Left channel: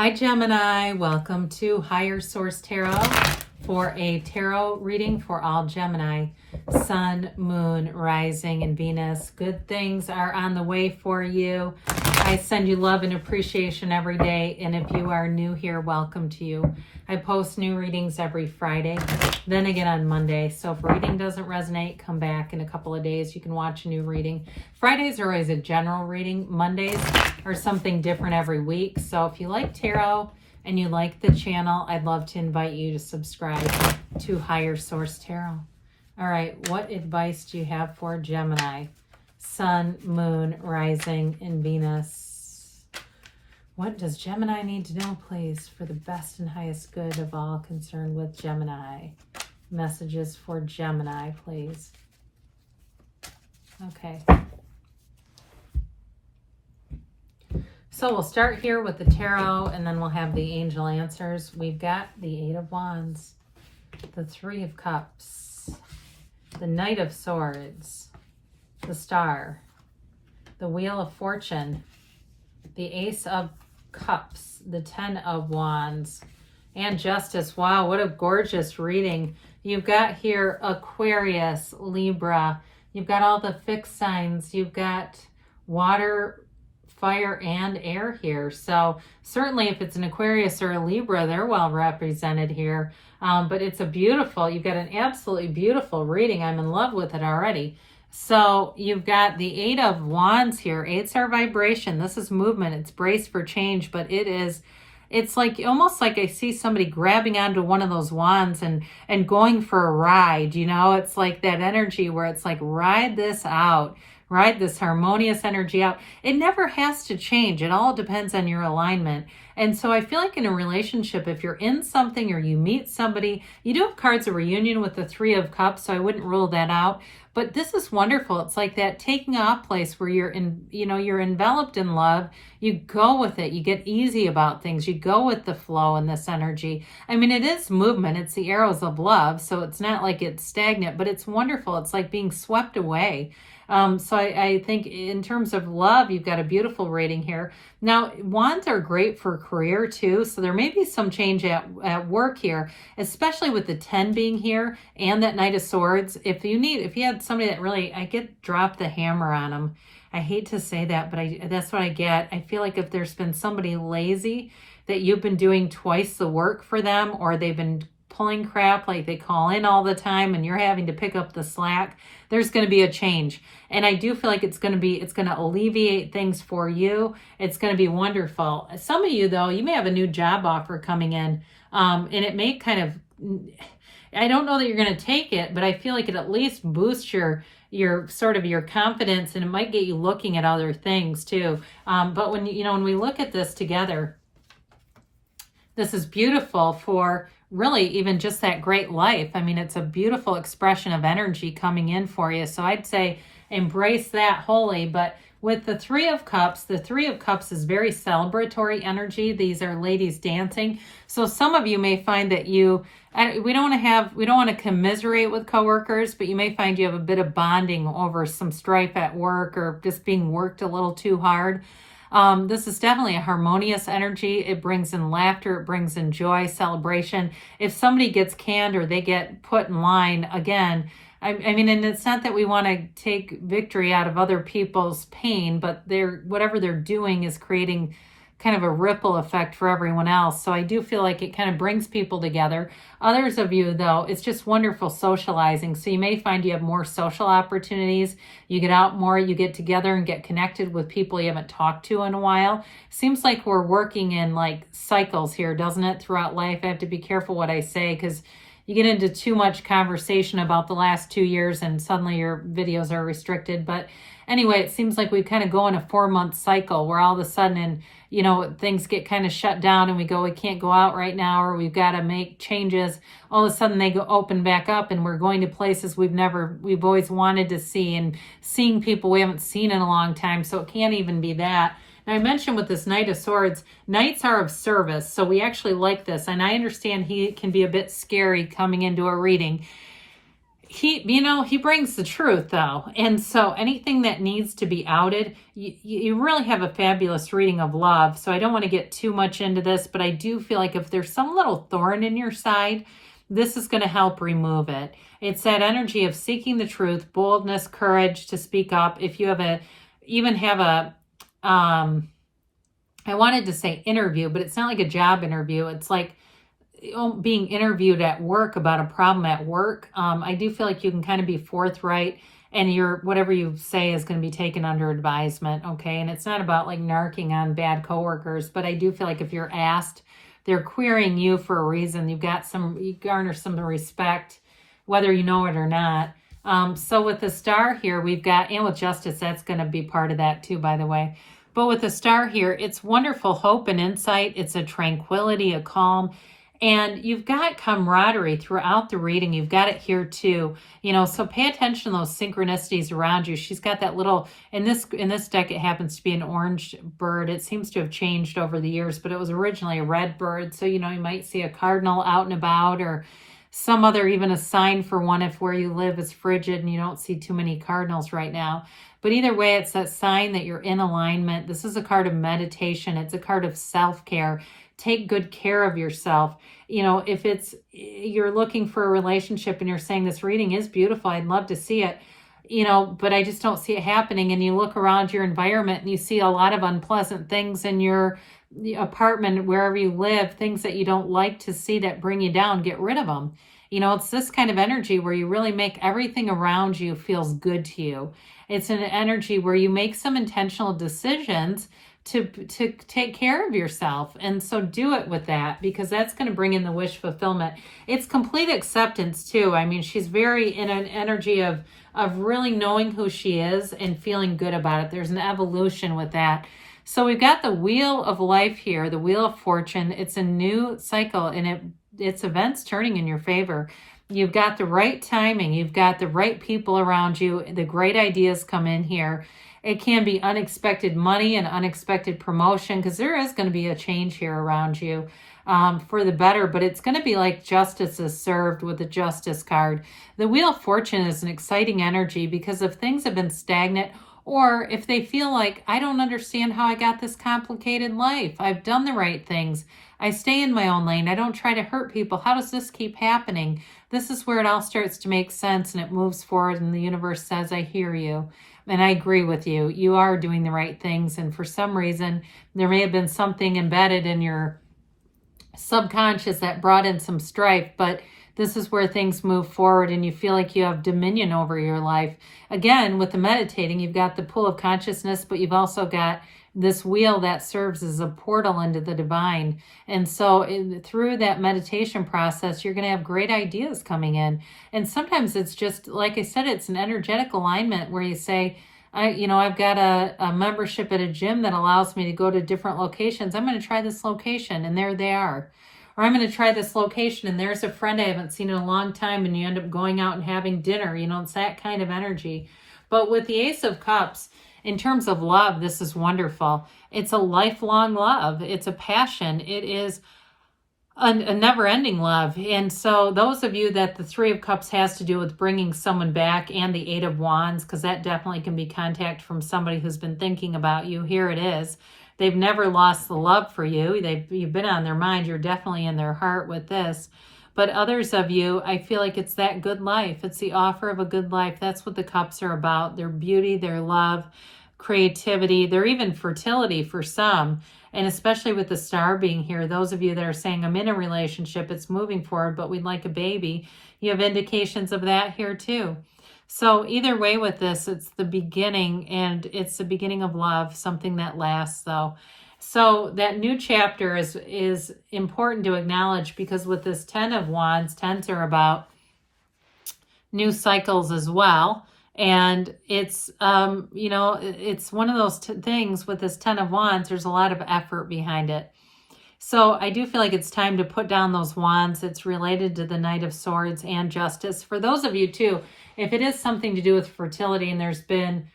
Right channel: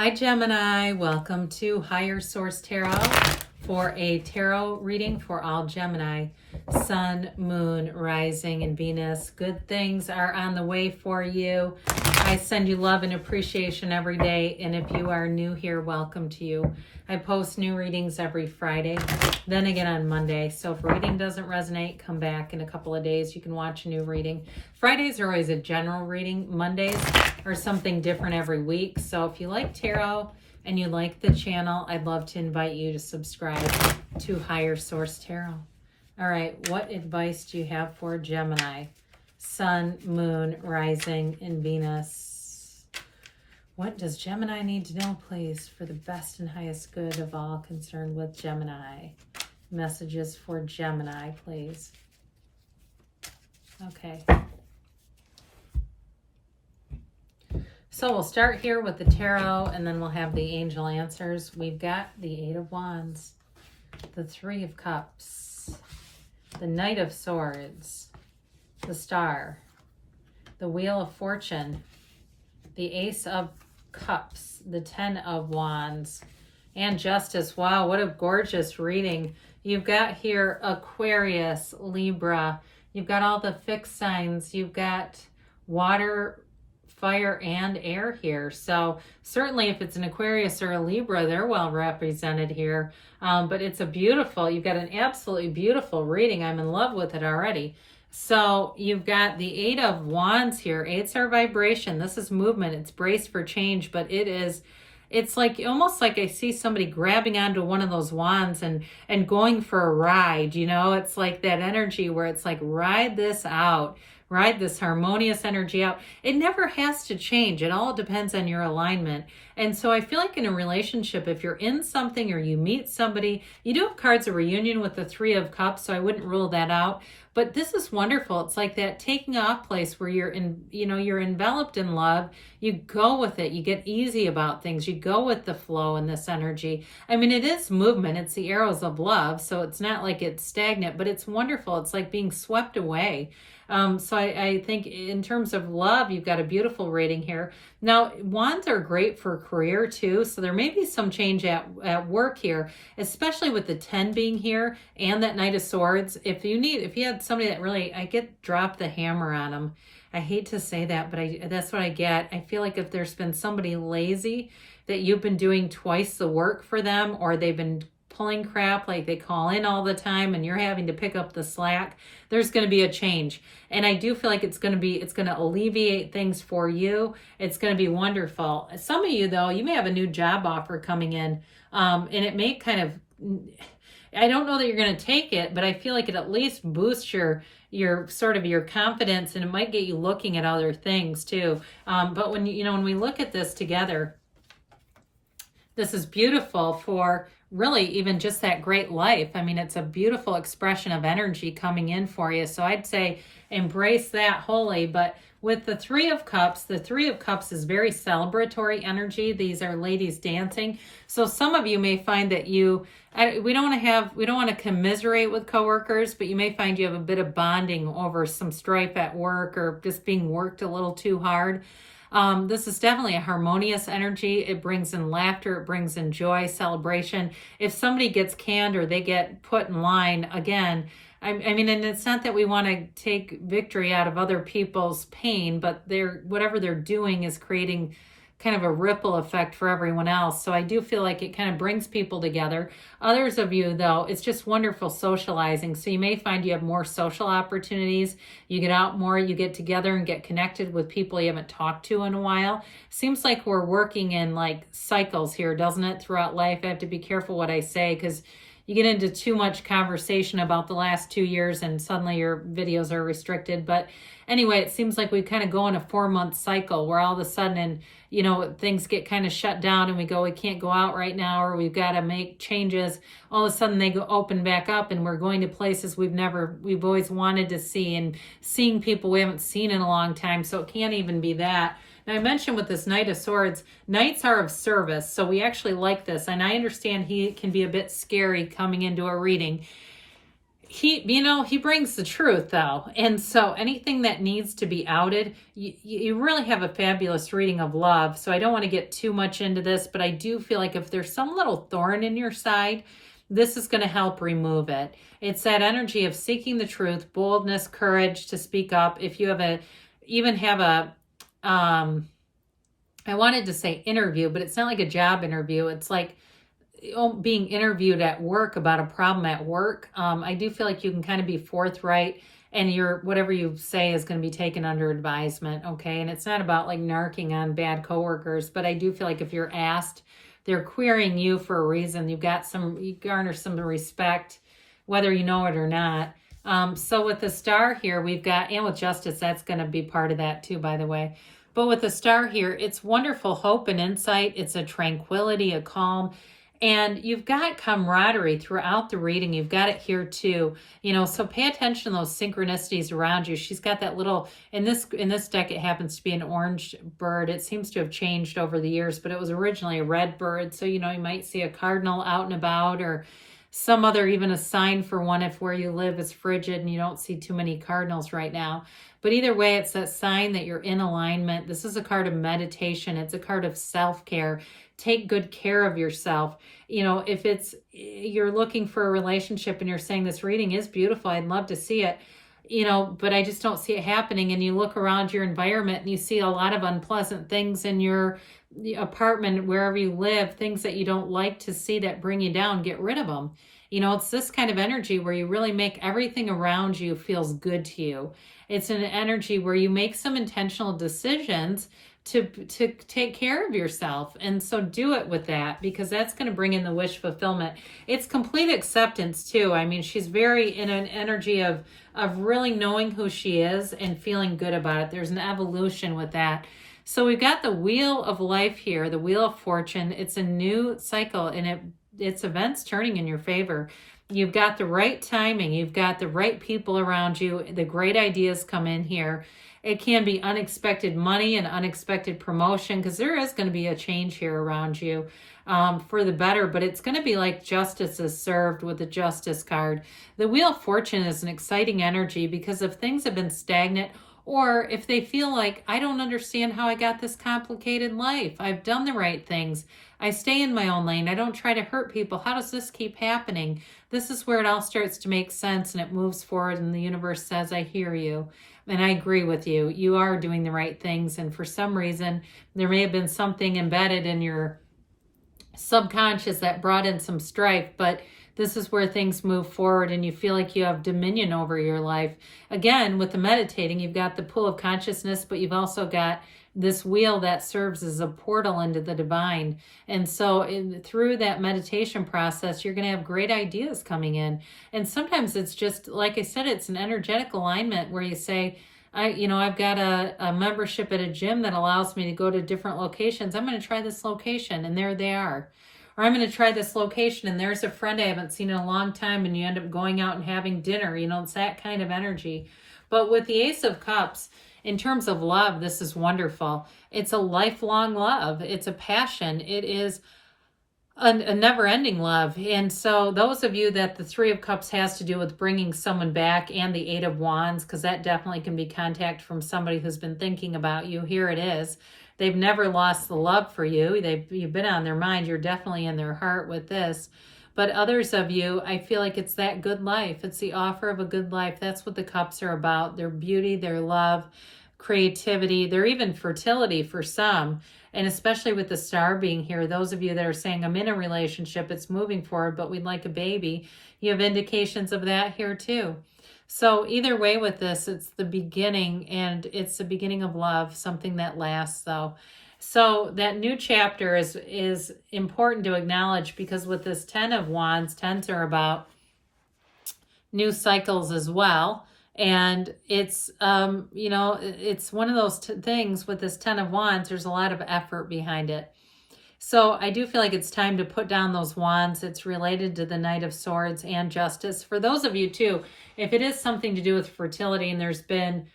Hi Gemini, welcome to Higher Source Tarot for a tarot reading for all Gemini. Sun, Moon, Rising, and Venus. Good things are on the way for you. I send you love and appreciation every day, and if you are new here, welcome to you. I post new readings every Friday, then again on Monday. So if a reading doesn't resonate, come back in a couple of days. You can watch a new reading. Fridays are always a general reading. Mondays are something different every week. So if you like tarot and you like the channel, I'd love to invite you to subscribe to Higher Source Tarot. All right, what advice do you have for Gemini? Sun, Moon, Rising, and Venus. What does Gemini need to know, please, for the best and highest good of all concerned with Gemini? Messages for Gemini, please. Okay. So we'll start here with the tarot, and then we'll have the angel answers. We've got the Eight of Wands, the Three of Cups, the Knight of Swords, the Star, the Wheel of Fortune, the Ace of Cups, the Ten of Wands, and Justice. Wow, what a gorgeous reading. You've got here Aquarius, Libra. You've got all the fixed signs. You've got water, fire, and air here. So certainly if it's an Aquarius or a Libra, they're well represented here. But it's a beautiful, you've got an absolutely beautiful reading. I'm in love with it already. So you've got the Eight of Wands here. Eights are vibration. This is movement. It's brace for change, but it's like almost like I see somebody grabbing onto one of those wands and going for a ride. You know, it's like that energy where it's like, ride this out. Ride this harmonious energy out. It never has to change. It all depends on your alignment. And so I feel like in a relationship, if you're in something or you meet somebody, you do have cards of reunion with the Three of Cups, so I wouldn't rule that out. But this is wonderful. It's like that taking off place where you're you're enveloped in love. You go with it. You get easy about things. You go with the flow and this energy. I mean, it is movement. It's the arrows of love. So it's not like it's stagnant, but it's wonderful. It's like being swept away. So I think in terms of love, you've got a beautiful rating here. Now, wands are great for career too. So there may be some change at work here, especially with the 10 being here and that Knight of Swords. If you had somebody that really, I get drop the hammer on them. I hate to say that, but that's what I get. I feel like if there's been somebody lazy that you've been doing twice the work for them, or they've been pulling crap, like they call in all the time and you're having to pick up the slack, there's going to be a change. And I do feel like it's going to alleviate things for you. It's going to be wonderful. Some of you though, you may have a new job offer coming in, and it may kind of, I don't know that you're going to take it, but I feel like it at least boosts your sort of your confidence, and it might get you looking at other things too. But when we look at this together, this is beautiful for really even just that great life. I mean, it's a beautiful expression of energy coming in for you. So I'd say embrace that wholly. But with the Three of Cups, the Three of Cups is very celebratory energy. These are ladies dancing. So some of you may find that we don't want to commiserate with coworkers, but you may find you have a bit of bonding over some strife at work or just being worked a little too hard. This is definitely a harmonious energy. It brings in laughter. It brings in joy, celebration. If somebody gets canned or they get put in line, again, I mean, and it's not that we want to take victory out of other people's pain, but whatever they're doing is creating kind of a ripple effect for everyone else. So I do feel like it kind of brings people together. Others of you, though, it's just wonderful socializing. So you may find you have more social opportunities. You get out more, you get together and get connected with people you haven't talked to in a while. Seems like we're working in like cycles here, doesn't it, throughout life? I have to be careful what I say because you get into too much conversation about the last 2 years and suddenly your videos are restricted. But anyway, it seems like we kind of go in a 4-month cycle where all of a sudden, things get kind of shut down and we can't go out right now, or we've got to make changes. All of a sudden they go open back up and we're going to places we've always wanted to see and seeing people we haven't seen in a long time. So it can't even be that. Now, I mentioned with this Knight of Swords, Knights are of service, so we actually like this. And I understand he can be a bit scary coming into a reading. he brings the truth though. And so anything that needs to be outed, you really have a fabulous reading of love. So I don't want to get too much into this, but I do feel like if there's some little thorn in your side, this is going to help remove it. It's that energy of seeking the truth, boldness, courage to speak up. If you have even have a, I wanted to say interview, but it's not like a job interview. It's like being interviewed at work about a problem at work. I do feel like you can kind of be forthright, and whatever you say is going to be taken under advisement. Okay. And it's not about like narking on bad coworkers, but I do feel like if you're asked, they're querying you for a reason. You garner some respect, whether you know it or not. So with the star here, we've got, and with justice, that's going to be part of that too, by the way. But with the star here, it's wonderful hope and insight. It's a tranquility, a calm. And you've got camaraderie throughout the reading. You've got it here too. So pay attention to those synchronicities around you. She's got that little, in this deck, it happens to be an orange bird. It seems to have changed over the years, but it was originally a red bird. So, you might see a cardinal out and about, or some other, even a sign for one if where you live is frigid and you don't see too many cardinals right now. But either way, it's that sign that you're in alignment. This is a card of meditation. It's a card of self-care. Take good care of yourself. If you're looking for a relationship and you're saying this reading is beautiful, I'd love to see it, but I just don't see it happening. And you look around your environment and you see a lot of unpleasant things in your apartment, wherever you live, things that you don't like to see that bring you down. Get rid of them. It's this kind of energy where you really make everything around you feels good to you. It's an energy where you make some intentional decisions to take care of yourself. And so do it with that, because that's going to bring in the wish fulfillment. It's complete acceptance too. I mean, she's very in an energy of really knowing who she is and feeling good about it. There's an evolution with that. So we've got the wheel of life here, the wheel of fortune. It's a new cycle, and it's events turning in your favor. You've got the right timing. You've got the right people around you. The great ideas come in here. It can be unexpected money and unexpected promotion, because there is going to be a change here around you for the better, but it's going to be like justice is served with the justice card. The wheel of fortune is an exciting energy, because if things have been stagnant, or if they feel like, I don't understand how I got this complicated life. I've done the right things. I stay in my own lane. I don't try to hurt people. How does this keep happening? This is where it all starts to make sense, and it moves forward, and the universe says, I hear you. And I agree with you. You are doing the right things. And for some reason, there may have been something embedded in your subconscious that brought in some strife, but this is where things move forward and you feel like you have dominion over your life. Again, with the meditating, you've got the pool of consciousness, but you've also got this wheel that serves as a portal into the divine. And so through that meditation process, you're going to have great ideas coming in. And sometimes it's just, like I said, it's an energetic alignment where you say, I've got a membership at a gym that allows me to go to different locations. I'm going to try this location, and there they are. Or I'm going to try this location, and there's a friend I haven't seen in a long time, and you end up going out and having dinner. It's that kind of energy. But with the Ace of Cups, in terms of love, this is wonderful. It's a lifelong love. It's a passion. It is a never-ending love. And so those of you that the Three of Cups has to do with bringing someone back, and the Eight of Wands, because that definitely can be contact from somebody who's been thinking about you. Here it is. They've never lost the love for you. You've been on their mind. You're definitely in their heart with this. But others of you, I feel like it's that good life. It's the offer of a good life. That's what the cups are about. Their beauty, their love, creativity, their even fertility for some. And especially with the star being here, those of you that are saying, I'm in a relationship, it's moving forward, but we'd like a baby. You have indications of that here too. So either way with this, it's the beginning, and it's the beginning of love, something that lasts though. So that new chapter is important to acknowledge, because with this 10 of Wands, 10s are about new cycles as well. And it's, it's one of those things with this 10 of Wands, there's a lot of effort behind it. So I do feel like it's time to put down those wands. It's related to the Knight of Swords and Justice. For those of you too, if it is something to do with fertility and there's been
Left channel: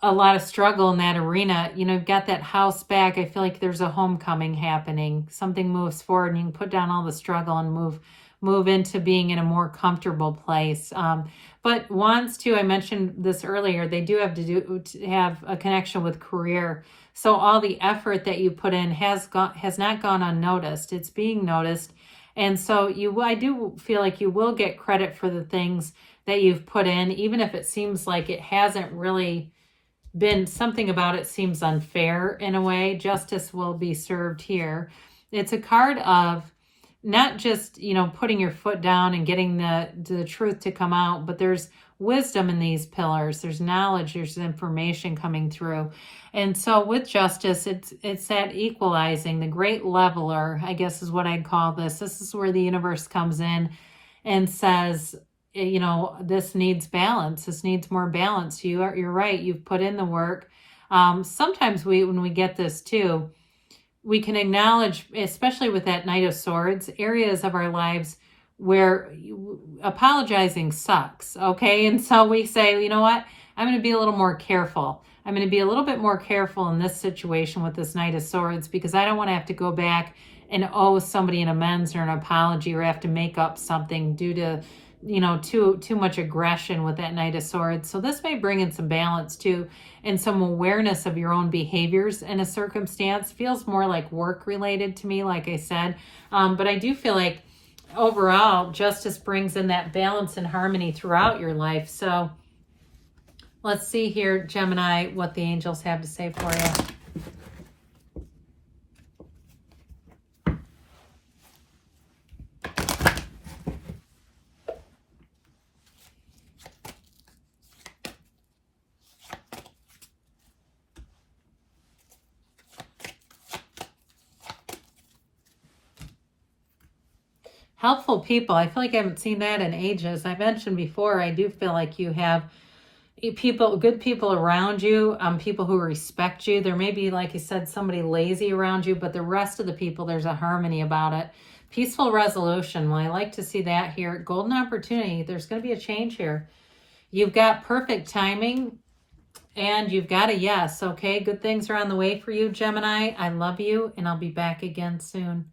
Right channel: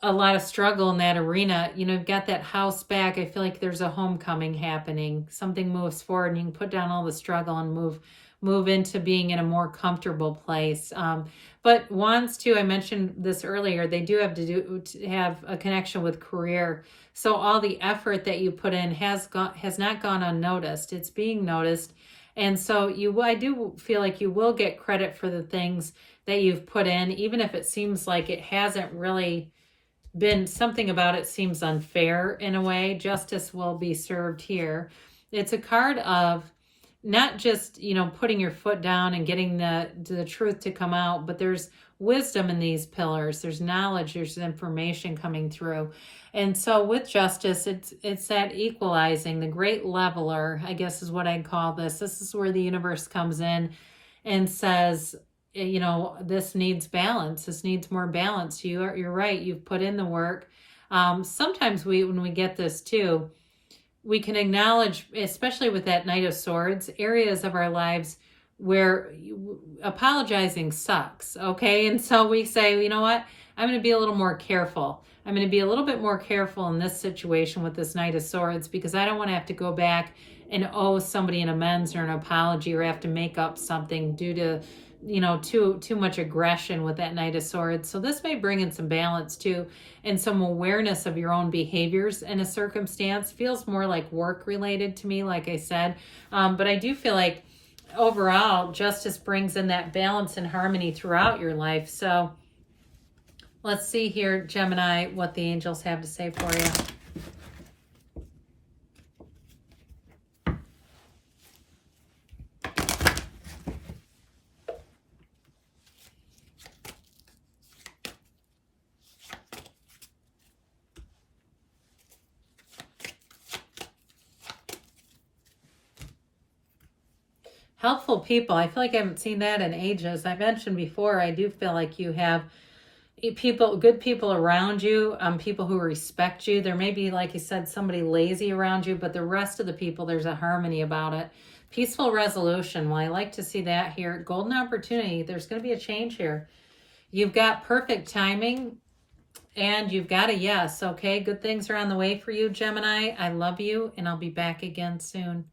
a lot of struggle in that arena, you've got that house back. I feel like there's a homecoming happening. Something moves forward and you can put down all the struggle and move into being in a more comfortable place. But wands too, I mentioned this earlier, they do have to have a connection with career. So all the effort that you put in has not gone unnoticed. It's being noticed. And so I do feel like you will get credit for the things that you've put in, even if it seems like it hasn't really been, something about it seems unfair in a way. Justice will be served here. It's a card of not just, putting your foot down and getting the truth to come out, but there's wisdom in these pillars. There's knowledge, there's information coming through. And so with justice, it's that equalizing, the great leveler, I guess is what I'd call this. This is where the universe comes in and says, this needs balance. This needs more balance. You're right. You've put in the work. Sometimes when we get this too, we can acknowledge, especially with that Knight of Swords, areas of our lives where apologizing sucks, okay? And so we say, you know what? I'm going to be a little more careful. I'm going to be a little bit more careful in this situation with this Knight of Swords, because I don't want to have to go back and owe somebody an amends or an apology, or have to make up something due to, too much aggression with that Knight of Swords. So this may bring in some balance too, and some awareness of your own behaviors in a circumstance. Feels more like work related to me, like I said. But I do feel like overall, justice brings in that balance and harmony throughout your life. So let's see here, Gemini, what the angels have to say for you. Helpful people. I feel like I haven't seen that in ages. I mentioned before, I do feel like you have good people around you, people who respect you. There may be, like I said, somebody lazy around you, but the rest of the people, there's a harmony about it. Peaceful resolution. Well, I like to see that here. Golden opportunity. There's going to be a change here. You've got perfect timing, and you've got a yes. Okay, good things are on the way for you, Gemini. I love you, and I'll be back again soon.